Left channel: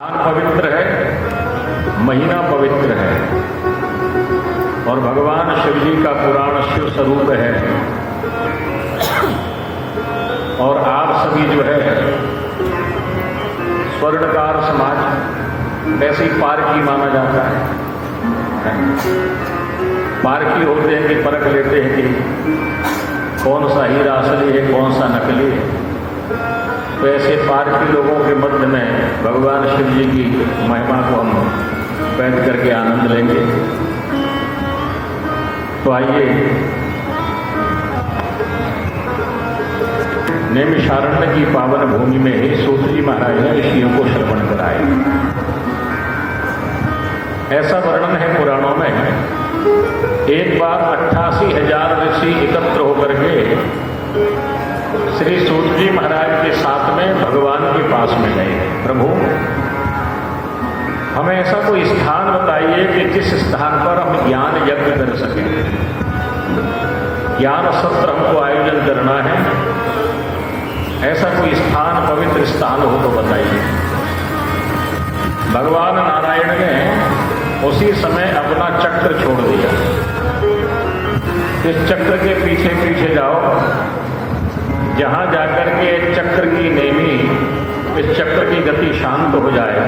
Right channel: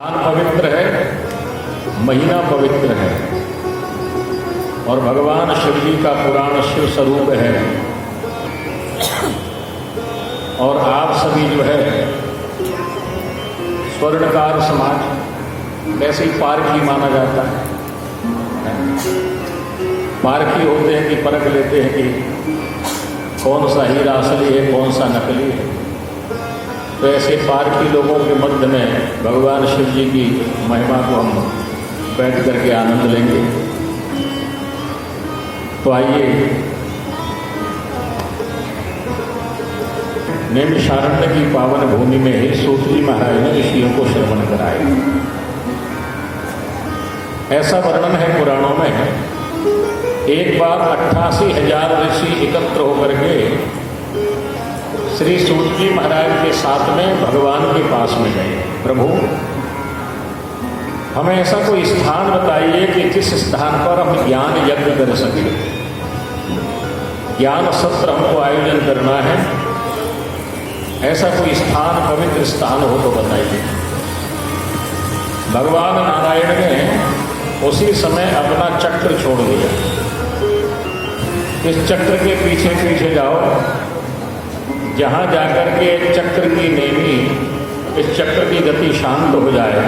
पवित्र है, महीना पवित्र है और भगवान शिव जी का पुराण शिव स्वरूप है। और आप सभी जो है स्वर्णकार समाज वैसे ही पारखी माना जाता है। पारखी होते हैं कि परख लेते हैं कि कौन सा हीरा असली है, कौन सा नकली है। तो ऐसे पारखी लोगों के मध्य में भगवान शिव जी की महिमा को हम बैठ करके आनंद लेंगे। तो आइए नैमिषारण्य की पावन भूमि में ही सूत जी महाराज ने ऋषियों को श्रवण कराए। ऐसा वर्णन है पुराणों में, एक बार 88,000 ऋषि एकत्र होकर के श्री सूत जी महाराज के साथ में भगवान के पास में गए। प्रभु, हमें ऐसा कोई स्थान बताइए कि जिस स्थान पर हम ज्ञान यज्ञ कर सके, ज्ञान सत्र हमको आयोजन करना है। ऐसा कोई स्थान, पवित्र स्थान हो तो बताइए। भगवान नारायण ने उसी समय अपना चक्र छोड़ दिया। इस चक्र के पीछे पीछे जाओ, जहां जाकर के चक्र की नेमी, इस चक्र की गति शांत हो जाए,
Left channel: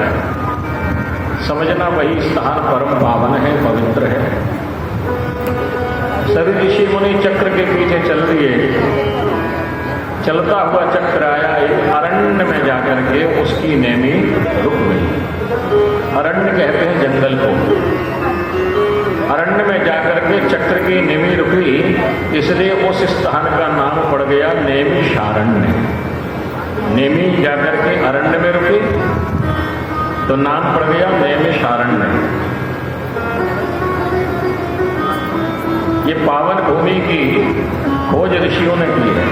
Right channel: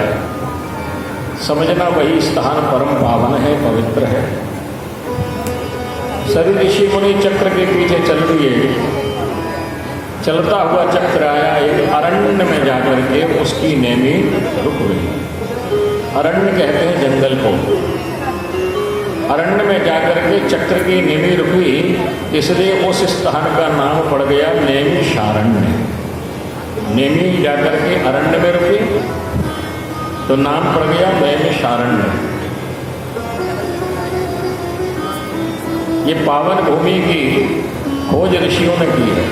समझना वही स्थान परम पावन है, पवित्र है। सभी ऋषि मुनि चक्र के पीछे चल दिए। चलता हुआ चक्र आया एक अरण्य में जाकर के उसकी नेमी रुक गई। अरण्य कहते हैं जंगल को। अरण्य में जाकर के चक्र की नेमी रुकी, इसलिए उस स्थान का नाम पड़ गया नैमिषारण्य। नेमी जाकर के अरण्य में रुकी तो नाम पड़ गया नैमिषारण्य। ये पावन भूमि की खोज ऋषियों ने की है।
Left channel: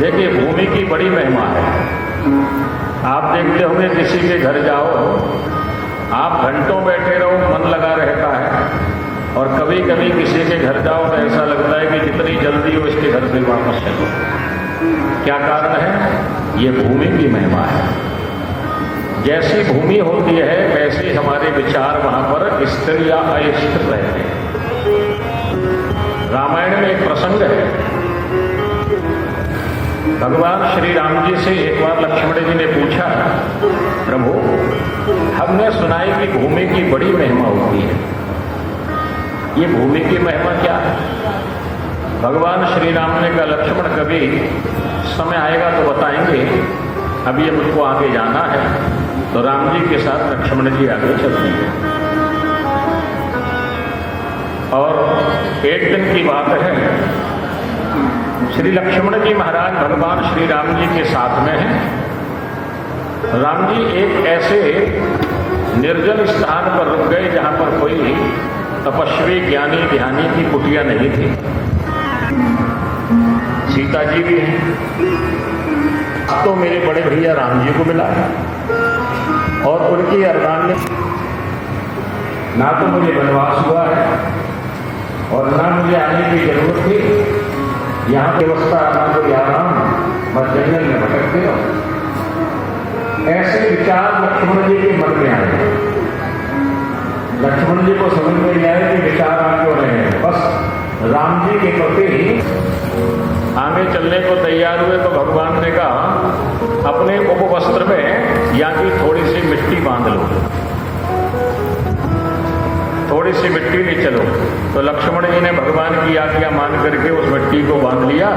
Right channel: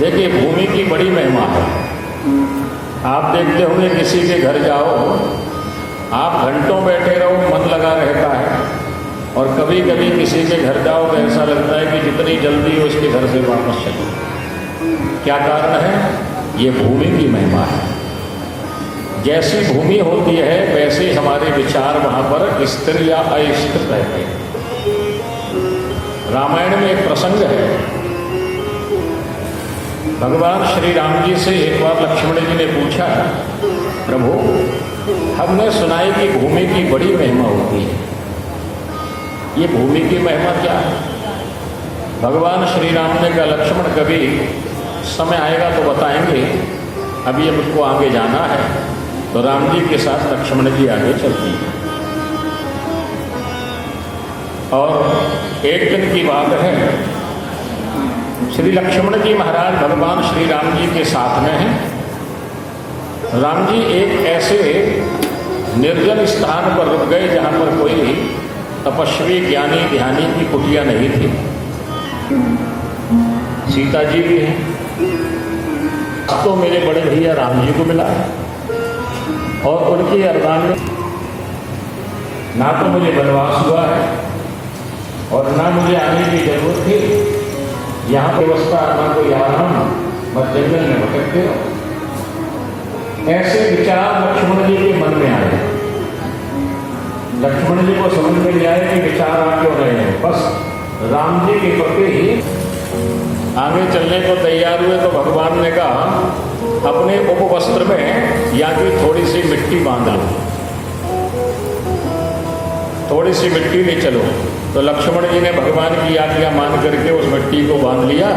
देखिए, भूमि की बड़ी महिमा है। आप देखते होंगे किसी के घर जाओ, आप घंटों बैठे रहो, मन लगा रहता है। और कभी कभी किसी के घर जाओ तो ऐसा लगता है कि जितनी जल्दी हो इसके घर से वापस चलो। क्या कारण है? ये भूमि की महिमा है। जैसी भूमि होती है वैसे हमारे विचार वहां पर स्थिर या अस्थिर रहते हैं। रामायण में एक प्रसंग है। भगवान श्री राम जी से एक बार लक्ष्मण जी ने पूछा, प्रभु, हमने सुना है कि भूमि की बड़ी महिमा होती है। ये भूमि की महिमा क्या है? भगवान श्री राम ने कहा, लक्ष्मण, कभी समय आएगा तो बताएंगे, अभी हमको आगे जाना है। तो राम जी के साथ लक्ष्मण जी आगे चलती है। और एक दिन की बात है, श्री लक्ष्मण जी महाराज भगवान श्री राम जी के साथ में हैं। राम जी एक ऐसे निर्जन स्थान पर रुक गए जहां पर कोई तपस्वी ज्ञानी ध्यानी की कुटिया नहीं थी। सीता जी भी हैं। अब तो मेरे बड़े भैया राम जी को मिला है और उनकी अरदान में ना तो मुझे वनवास हुआ है और ना मुझे आने की जरूरत थी। यहाँ व्यवस्था ना कोई आराम, मत जंगल में भटकते हो। ऐसे विचार लक्ष्मण जी के मन में आए। लक्ष्मण जी को समझ में नहीं आया कि विचार आगे हो रहे हैं। बस राम जी के प्रति आगे चलने को तैयार हुए तो भगवान ने कहा, अपने उपवस्त्र में या भी थोड़ी सी मिट्टी बांध लो, थोड़ी सी मिट्टी में चलो। तो लक्ष्मण जी ने भगवान की आज्ञा मान करके उस मिट्टी को बांध लिया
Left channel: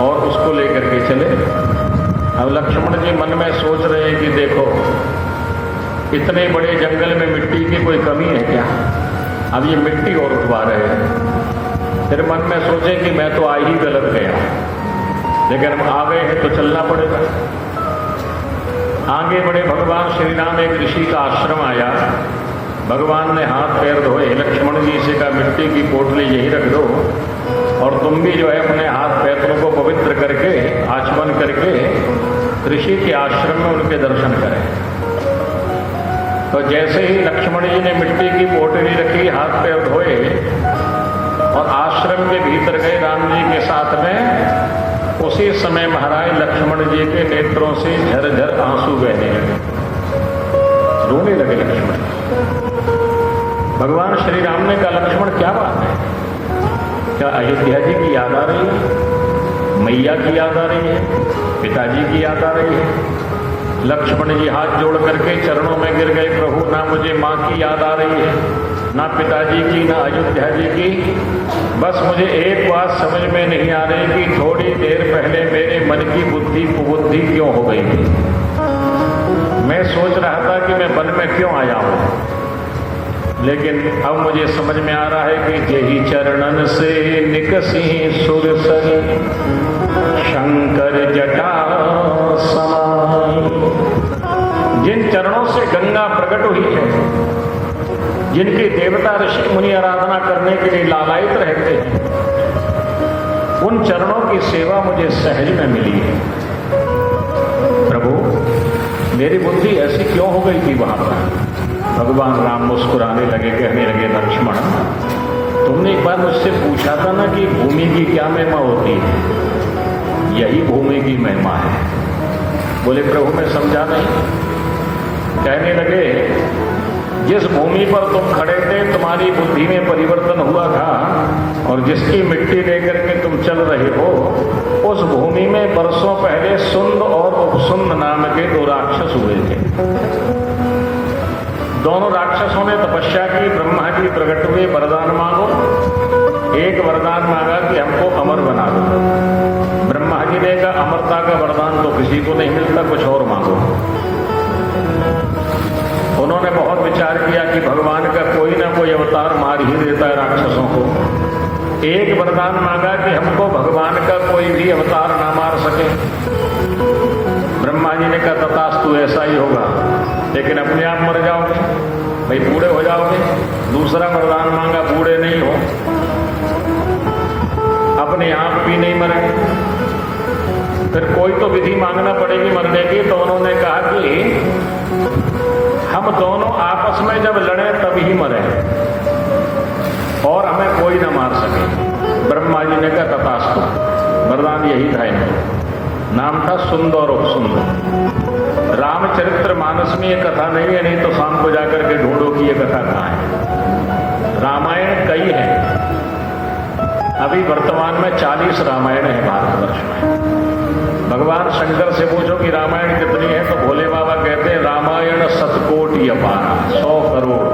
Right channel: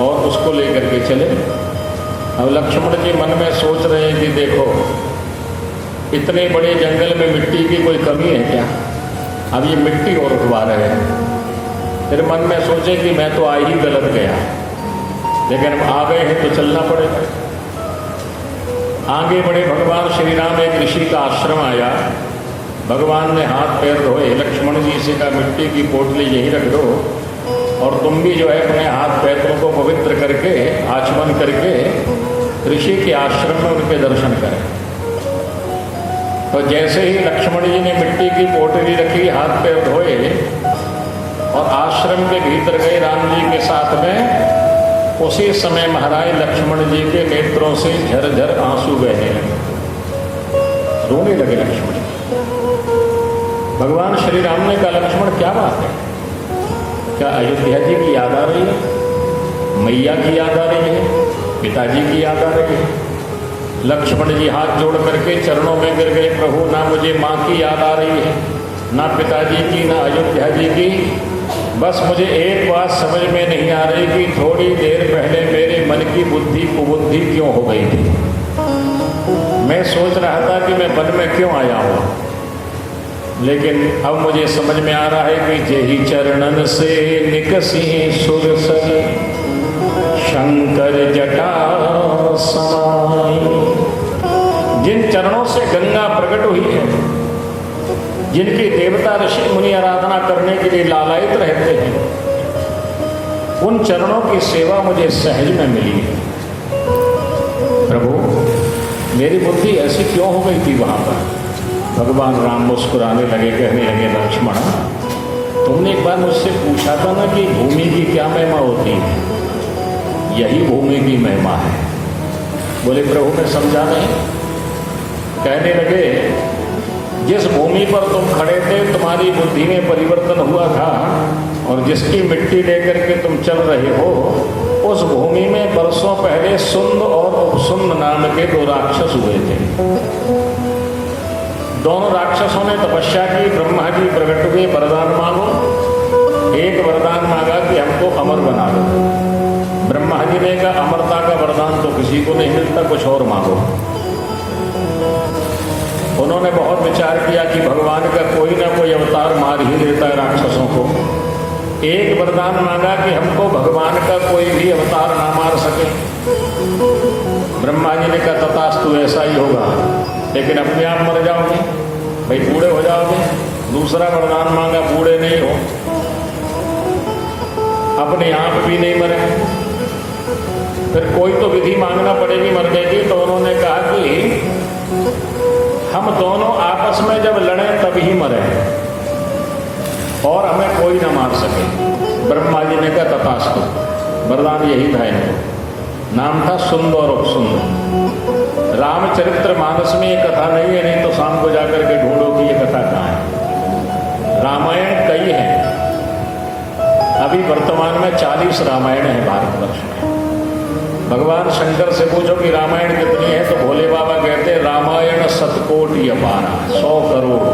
और उसको लेकर के चले। अब लक्ष्मण जी मन में सोच रहे हैं कि देखो, इतने बड़े जंगल में मिट्टी की कोई कमी है क्या? अब ये मिट्टी और उठवा रहे हैं। फिर मन में सोचे कि मैं तो आ ही गलत गया, लेकिन हम आ गए हैं तो चलना पड़ेगा। आगे बढ़े भगवान श्री राम, एक ऋषि का आश्रम आया। भगवान ने हाथ पैर धोए। लक्ष्मण जी से कहा, मिट्टी की पोटली यही रख दो और तुम भी जो है अपने हाथ पैरों को पवित्र करके, आचमन करके ऋषि के आश्रम में उनके दर्शन करें। तो जैसे ही लक्ष्मण जी ने मिट्टी की पोटली रखी, हाथ पैर धोए और आश्रम के भीतर गए राम जी के साथ में, उसी समय महाराज लक्ष्मण जी के नेत्रों से झरझर आंसू बहने लगे। रोने लगे लक्ष्मण। भगवान श्री राम ने कहा, लक्ष्मण क्या बात है? क्या अयोध्या जी की याद आ रही है? मैया की याद आ रही है? पिताजी की याद आ रही है? लक्ष्मण जी हाथ जोड़ करके चरणों में गिर गए, प्रभु ना मुझे माँ की याद आ रही है, ना पिताजी की, ना अयोध्या जी की। बस मुझे एक बात समझ में नहीं आ रही कि थोड़ी देर पहले मेरे मन की बुद्धि कुबुद्धि क्यों हो गई थी। मैं सोच रहा था कि मैं वन में क्यों आया हूं, लेकिन अब मुझे समझ में आ रहा है कि जेहि चरणन से निकसी सुरसर शंकर जटा समाई। जिन चरणों से गंगा प्रकट हुई है, जिनकी देवता ऋषि मुनि आराधना करने के लिए लालायित रहते हैं, उन चरणों की सेवा मुझे सहज में मिली है। प्रभु मेरी बुद्धि ऐसी क्यों हो गई थी वहां पर? भगवान राम मुस्कुराने लगे, कहने लगे, लक्ष्मण तुमने एक बार मुझसे पूछा था ना कि भूमि की क्या महिमा होती है? यही भूमि की महिमा है। बोले प्रभु मैं समझा नहीं। कहने लगे, जिस भूमि पर तुम खड़े थे तुम्हारी बुद्धि में परिवर्तन हुआ था और जिसकी मिट्टी लेकर के तुम चल रहे हो, उस भूमि में वर्षों पहले सुंद और उपसुंद नाम के दो राक्षस हुए थे। दोनों राक्षसों ने तपस्या की, ब्रह्मा जी प्रकट हुए, वरदान मांगो। एक वरदान मांगा कि हमको अमर बना दो। ब्रह्मा जी ने कहा अमरता का वरदान तो किसी को नहीं मिलता, कुछ और मांगो। उन्होंने बहुत विचार किया कि भगवान का कोई ना कोई अवतार मार ही देता है राक्षसों को। एक वरदान मांगा कि हमको भगवान का कोई भी अवतार ना मार सके। ब्रह्मा जी ने कहा तथास्तु ऐसा ही होगा, लेकिन अपने आप मर जाओगे, भाई बूढ़े हो जाओगे। दूसरा वरदान मांगा, बूढ़े नहीं हो, अपने आप भी नहीं मरे। फिर कोई तो विधि मांगना पड़ेगी मरने की। तो उन्होंने कहा कि हम दोनों आपस में जब लड़े तभी मरे और हमें कोई ना मार सके। ब्रह्मा जी ने कहा तथास्तु, वरदान यही था। नाम था सुंदर और उपसुंद। रामचरित्र मानस में ये कथा नहीं है, नहीं तो शाम को जाकर के ढूंढो कि ये कथा कहाँ है। रामायण कई है, अभी वर्तमान में 40 रामायण है भारतवर्ष में। भगवान शंकर से पूछो कि रामायण कितनी है, तो भोले बाबा कहते हैं रामायण 7 कोटि अपार, 100 करोड़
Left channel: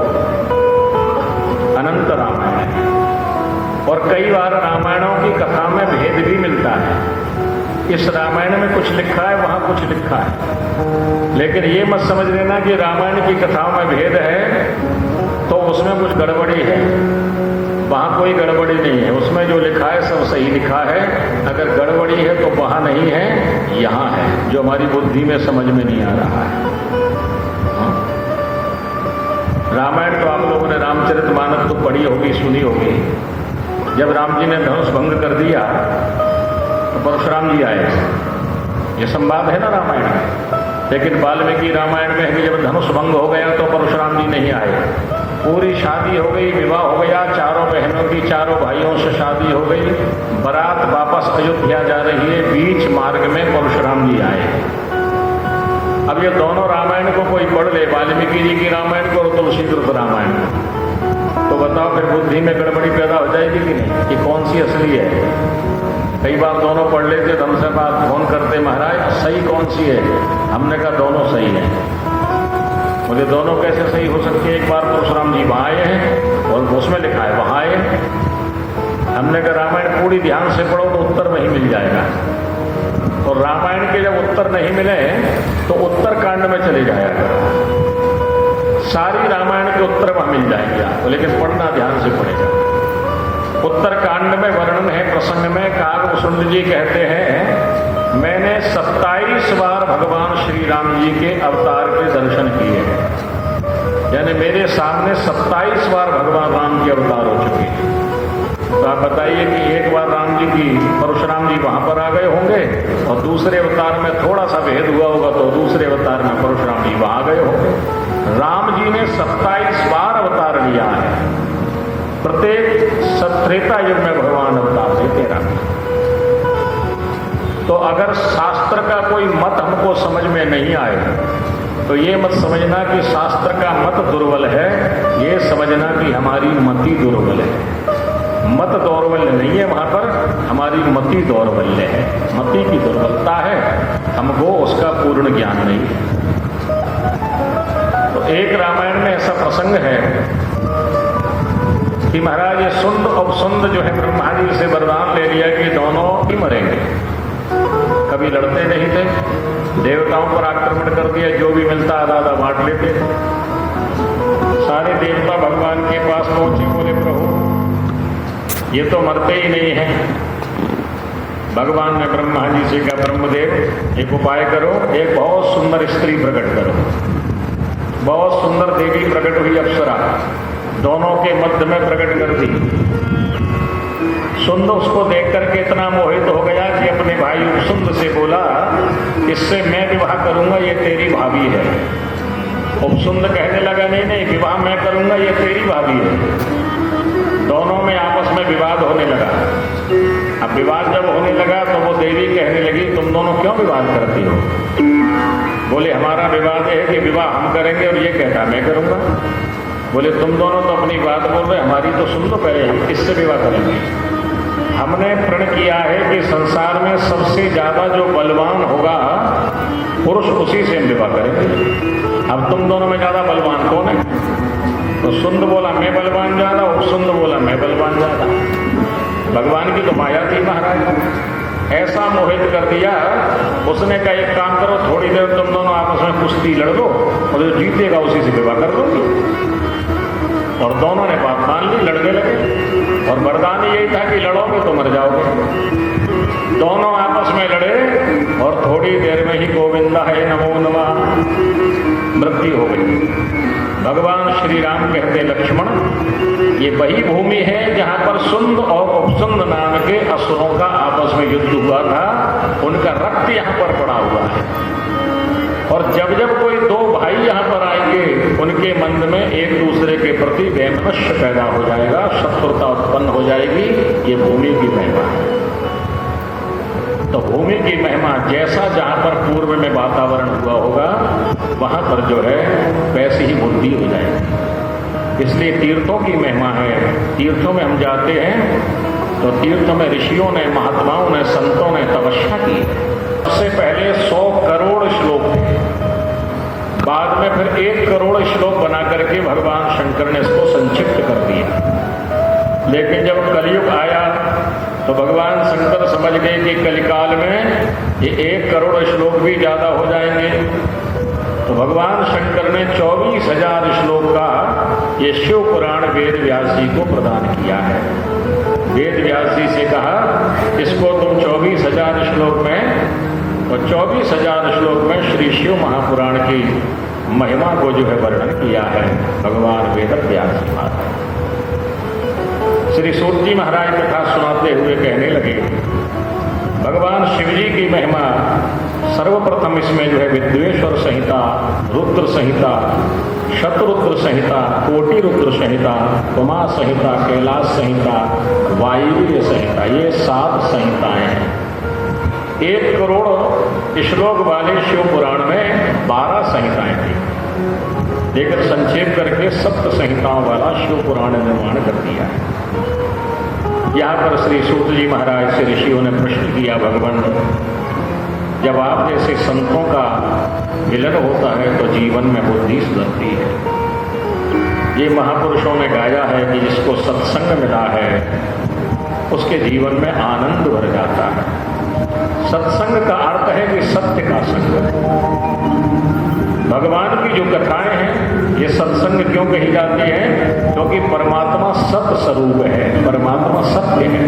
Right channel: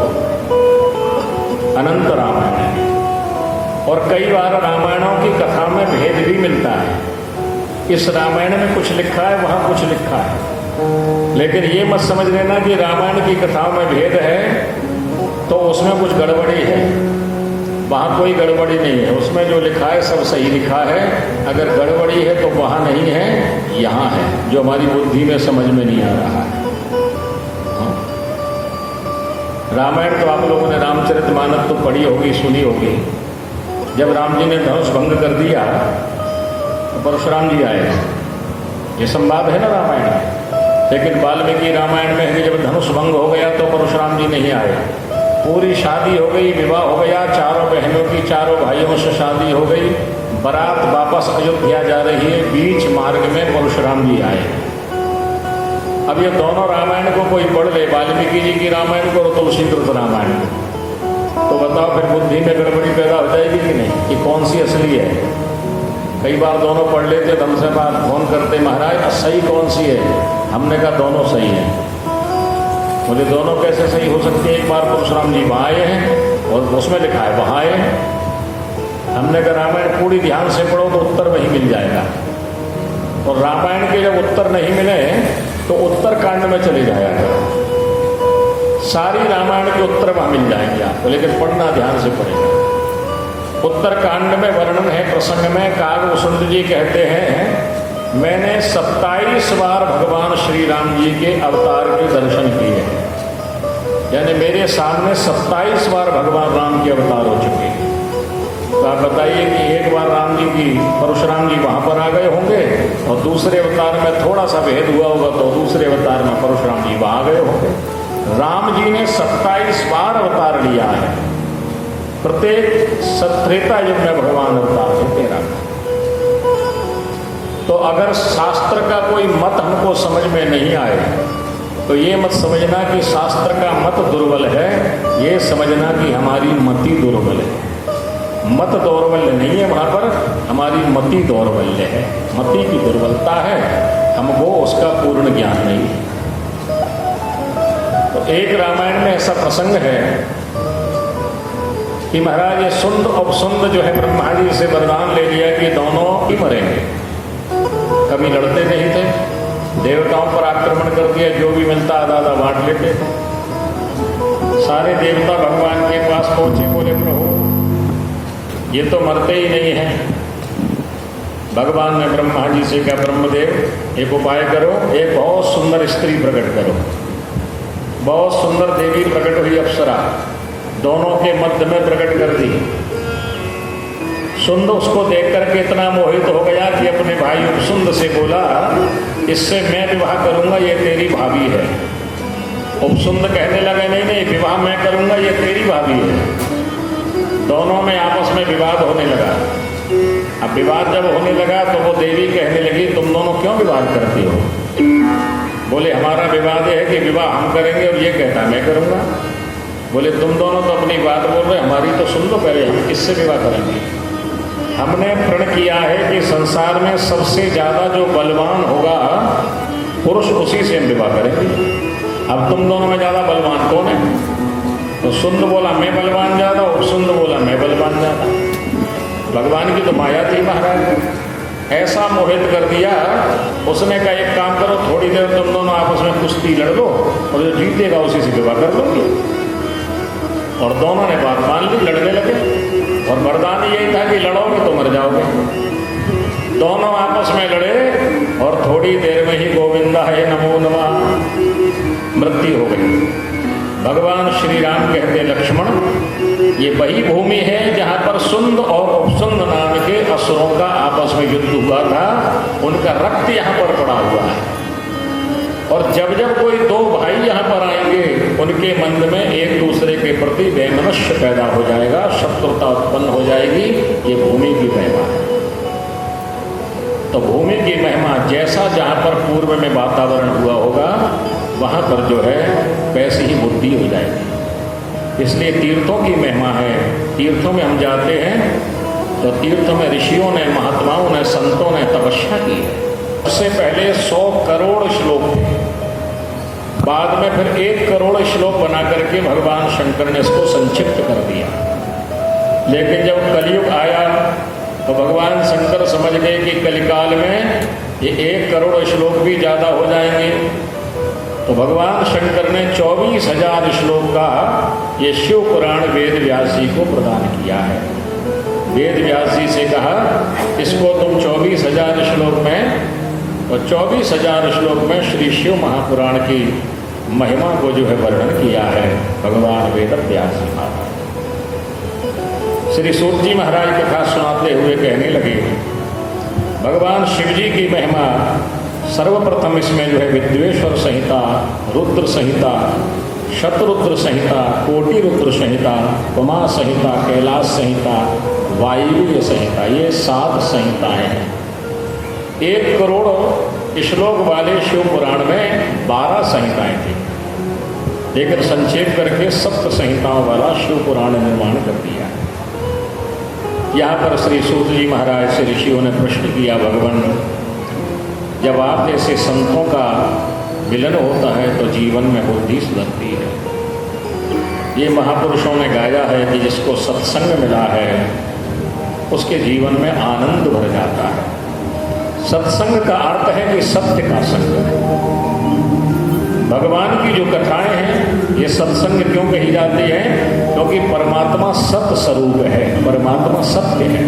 अनंत रामायण। और कई बार रामायणों की कथा में भेद भी मिलता है। इस रामायण में कुछ लिखा है, वहां कुछ लिखा है, लेकिन ये मत समझ लेना कि रामायण की कथा में भेद है तो उसमें कुछ गड़बड़ी है। वहां कोई गड़बड़ी नहीं है, उसमें जो लिखा है सब सही लिखा है। अगर गड़बड़ी है तो वहां नहीं है, यहां है, जो हमारी बुद्धि में समझ में नहीं आ रहा है। रामायण तो आप लोगों ने रामचरितमानस तो पढ़ी होगी, सुनी होगी। जब राम जी ने धनुष भंग कर दिया तो परशुराम जी आए, ये संवाद है ना रामायण में। लेकिन वाल्मीकि रामायण में है कि जब धनुष भंग हो गया तो परशुराम जी नहीं आए। पूरी शादी हो गई, विवाह हो गया, चारों बहनों की, चारों भाइयों से शादी हो गई, बारात वापस अयोध्या जा रही है, बीच मार्ग में परशुराम जी आए। अब ये दोनों रामायण को कोई पढ़ ले, वाल्मीकि जी की रामायण को और तुलसीकृत रामायण, तो बताओ फिर बुद्धि में गड़बड़ी पैदा हो जाएगी कि नहीं, कि कौन सी असली है। कई बार दोनों पढ़ लेते तो हमसे बात फोन करते, महाराज सही कौन सी है? हमने कहा दोनों सही है। बोले दोनों कैसे सही हो सकती है? एक बार परशुराम जी वहां आए हैं और उसमें लिखा है वहां आए। हमने कहा रामायण पूरी ध्यान से पढ़ो तो उत्तर वहीं मिल जाएगा। और रामायण के जब उत्तर नहीं मिले तो उत्तरकांड में चले जाएगा, सारी रामायण के उत्तर वहां मिल जाएंगे आपको, लेकिन पढ़ना ध्यान से पड़ेगा। उत्तरकांड में वर्णन है, प्रसंग में कागभूषण जी कहते हैं मैंने 27 बार भगवान श्री राम जी के अवतार के दर्शन किए हैं। यानी मेरे सामने 27 बार भगवान राम के अवतार हो चुके हैं। तो आप बताइए कि एक बार राम जी की, परशुराम जी वहां पर आ गए होंगे और दूसरे अवतार में थोड़ा सा भेद हुआ होगा तो दूसरे अवतार में परशुराम जी वहां गए होंगे। राम जी ने 27 बार अवतार लिया है। प्रत्येक त्रेता युग में भगवान अवतार लेते राम। तो अगर शास्त्र का कोई मत हमको समझ में नहीं आए तो ये मत समझना कि शास्त्र का मत दुर्बल है, ये समझना कि हमारी मति दुर्बल है। मत दौर्बल्य नहीं है, वहां पर हमारी मति दौर्बल्य है, मति की दुर्बलता है, हमको उसका पूर्ण ज्ञान नहीं है। तो एक रामायण में ऐसा प्रसंग है कि महाराज ये सुंद और सुंद जो है ब्रह्मा जी से वरदान ले लिया कि दोनों ही मरेंगे। कभी लड़ते नहीं थे, देवताओं पर आक्रमण कर दिया, जो भी मिलता आधा आधा बांट लेते। सारे देवता भगवान के पास पहुंचे, बोले प्रभु ये तो मरते ही नहीं है। भगवान ने ब्रह्मा जी से कहा, ब्रह्मदेव एक उपाय करो, एक बहुत सुंदर स्त्री प्रकट करो। बहुत सुंदर देवी प्रकट हुई, अप्सरा, दोनों के मध्य में प्रकट कर दी। सुंद उसको देख करके इतना मोहित हो गया कि अपने भाई उपसुंद से बोला, इससे मैं विवाह करूंगा, ये तेरी भाभी है। उपसुंद कहने लगा, नहीं नहीं, विवाह मैं करूंगा, ये तेरी भाभी है। दोनों में आपस में विवाद होने लगा। अब विवाद जब होने लगा तो वो देवी कहने लगी, तुम दोनों क्यों विवाद करती हो? बोले हमारा विवाद है कि विवाह हम करेंगे और ये कहता मैं करूंगा। बोले तुम दोनों तो अपनी बात बोल रहे, हमारी तो सुन लो पहले, हम किससे विवाह करेंगे? हमने प्रण किया है कि संसार में सबसे ज्यादा जो बलवान होगा पुरुष, उसी से हम विवाह करेंगे। अब तुम दोनों में ज्यादा बलवान कौन है? तो सुंद बोला मैं बलवान ज्यादा, और सुंद बोला मैं बलवान ज्यादा। भगवान की तो माया थी महाराज, ऐसा मोहित कर दिया। उसने कहा एक काम करो, थोड़ी देर तुम दोनों आपस में कुश्ती लड़ लो और जो जीतेगा उसी से विवाह कर दोगे। और दोनों ने बात मान ली, लड़ने लगे। और वरदान यही था कि लड़ोगे तो मर जाओगे। दोनों आपस में लड़े और थोड़ी देर में ही गोविंदा है नमो नमः, मृत्यु हो गई। भगवान श्री राम कहते, लक्ष्मण ये वही भूमि है जहां पर सुंद और उपसुंद नाम के असुरों का आपस में युद्ध हुआ था, उनका रक्त यहां पर पड़ा हुआ है। और जब जब कोई दो भाई यहां पर आएंगे, उनके मन में एक दूसरे के प्रति वैमनस्य पैदा हो जाएगा, शत्रुता उत्पन्न हो जाएगी। ये भूमि की महिमा है। तो भूमि की महिमा जैसा जहां पर पूर्व में वातावरण हुआ होगा, वहां पर जो है वैसी ही बुद्धि हो जाएगी। इसलिए तीर्थों की महिमा है। तीर्थों में हम जाते हैं तो तीर्थों में ऋषियों ने, महात्माओं ने, संतों ने तपस्या की। उससे पहले 100 करोड़ श्लोक थे, बाद में फिर 1 करोड़ श्लोक बना करके भगवान शंकर ने इसको संक्षिप्त कर दिया। लेकिन जब कलयुग आया तो भगवान शंकर समझ गए कि कलिकाल में ये 1 करोड़ श्लोक भी ज्यादा हो जाएंगे। तो भगवान शंकर ने 24,000 श्लोक का ये शिव पुराण वेद व्यास जी को प्रदान किया है। वेद व्यास जी से कहा इसको तुम 24,000 श्लोक में, और 24,000 श्लोक में श्री शिव महापुराण की महिमा को जो है वर्णन किया है भगवान वेद व्यास जी महाराज। श्री सूत जी महाराज कथा सुनाते हुए कहने लगे, भगवान शिव जी की महिमा सर्वप्रथम इसमें जो है विद्वेश्वर संहिता, रुद्र संहिता, शतरुद्र संहिता, कोटि रुद्र संहिता, उमा संहिता, कैलाश संहिता, वायव्य संहिता, ये 7 संहिताएं हैं। 1 करोड़ श्लोक वाले शिव पुराण में 12 संहिताएं थी, लेकर संक्षेप करके 7 संहिताओं वाला शिव पुराण निर्माण कर दिया। यहाँ पर श्री सूत जी महाराज से ऋषियों ने प्रश्न किया, भगवान जब आप जैसे संतों का मिलन होता है तो जीवन में बुद्धि सुधरती है। ये महापुरुषों ने गाया है कि जिसको सत्संग मिला है उसके जीवन में आनंद भर जाता है। सत्संग का अर्थ है कि सत्य का संग। भगवान की जो कथाएं हैं ये सत्संग क्यों कही जाती है? क्योंकि परमात्मा सत्य स्वरूप है, परमात्मा सत्य है।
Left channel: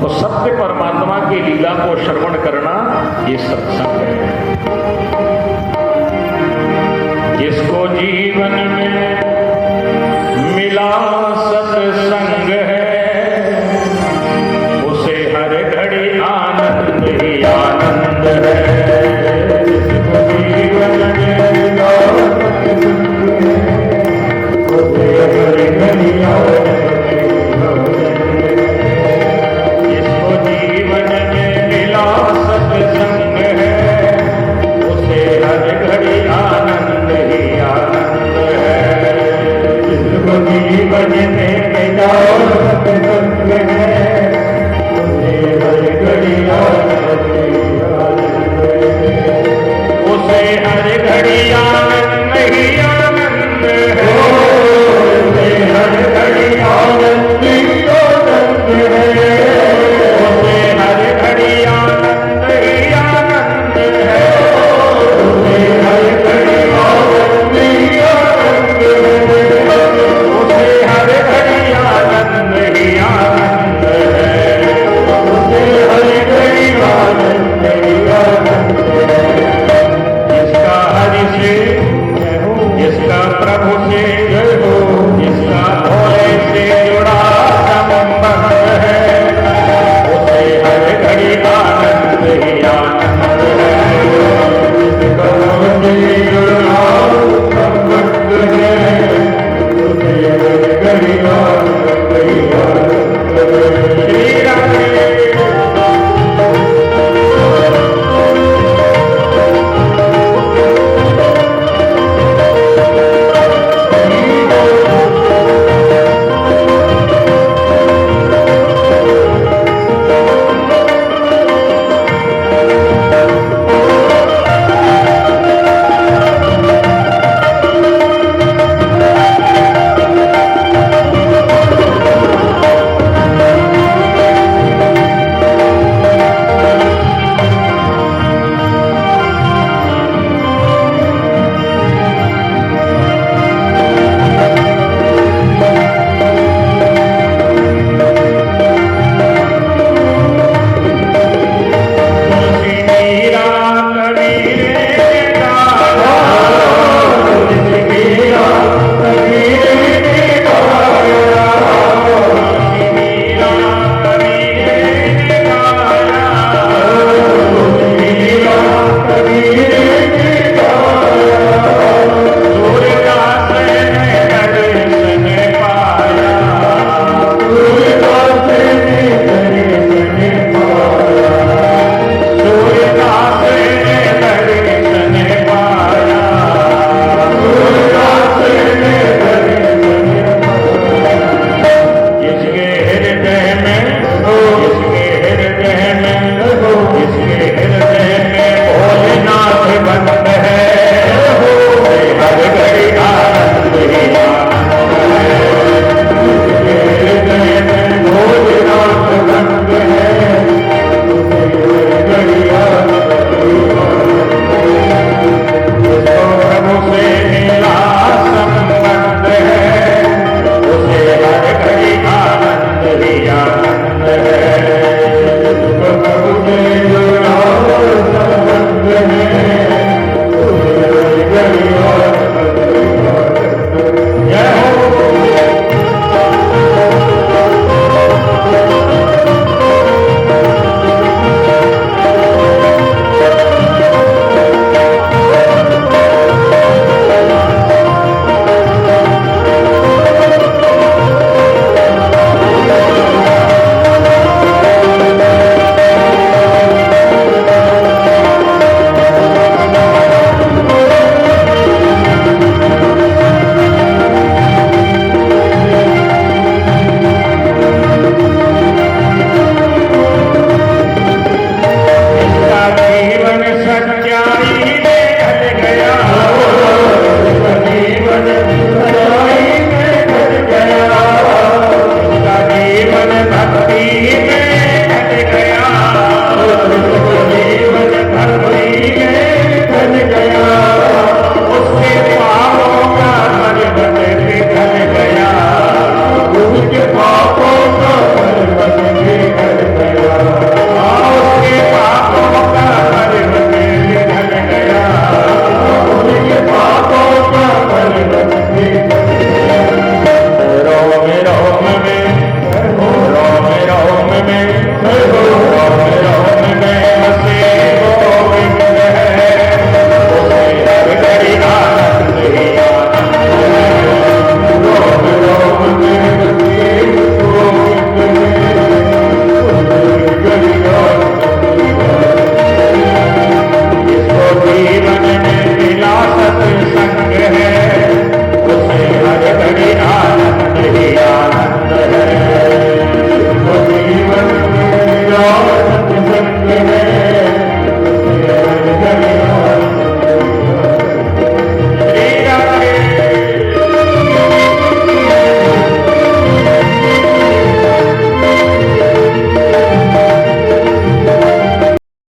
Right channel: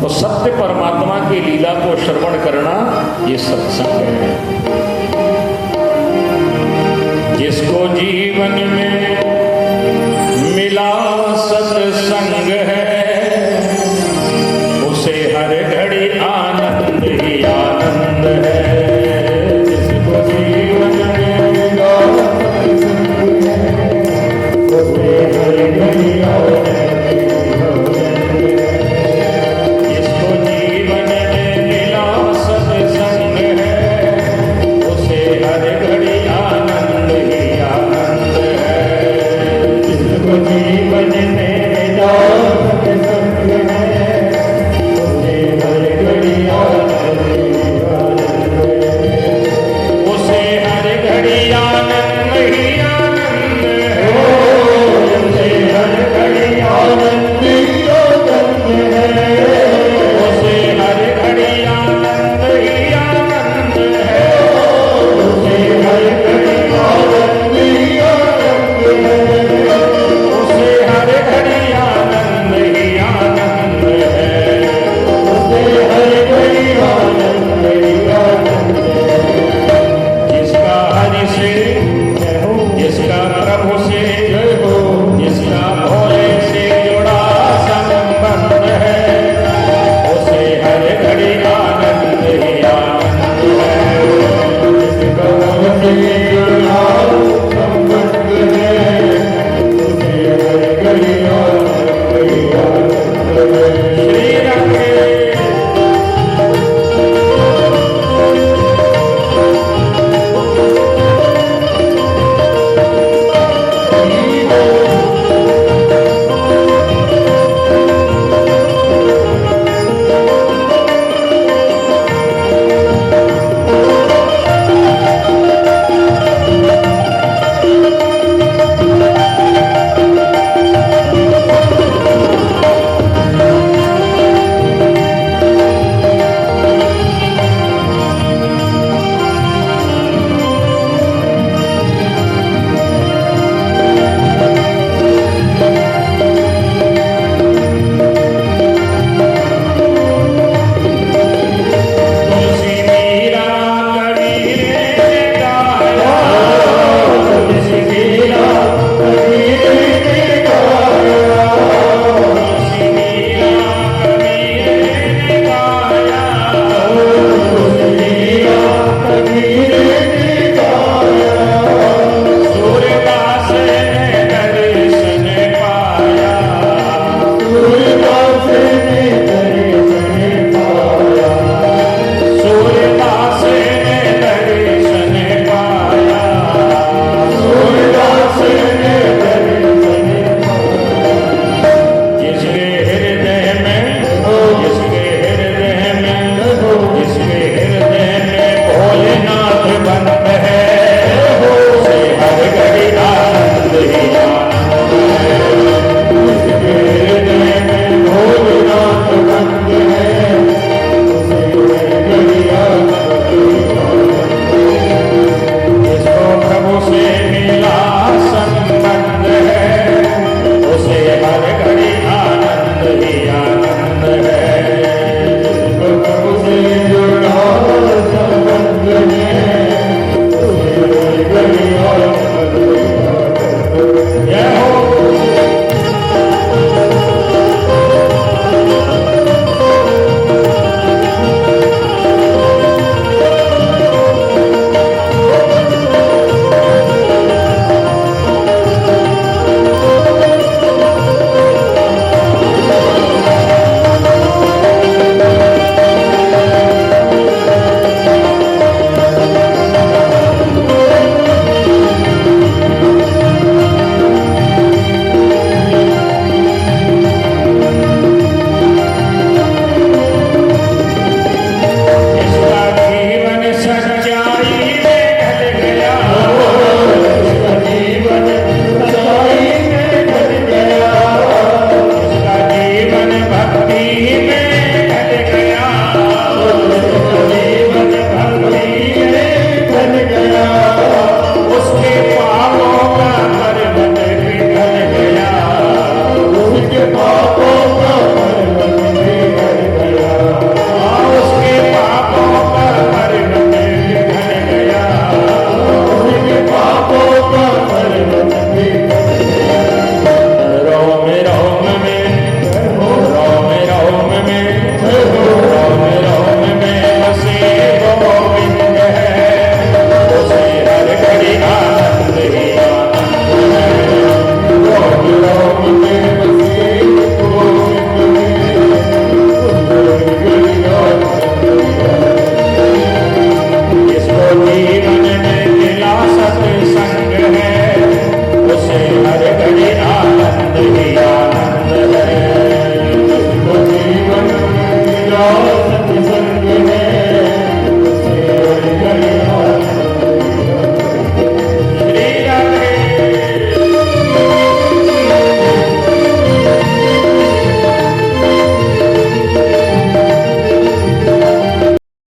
तो सत्य परमात्मा की लीला को श्रवण करना ये सत्संग है। जिसको जीवन में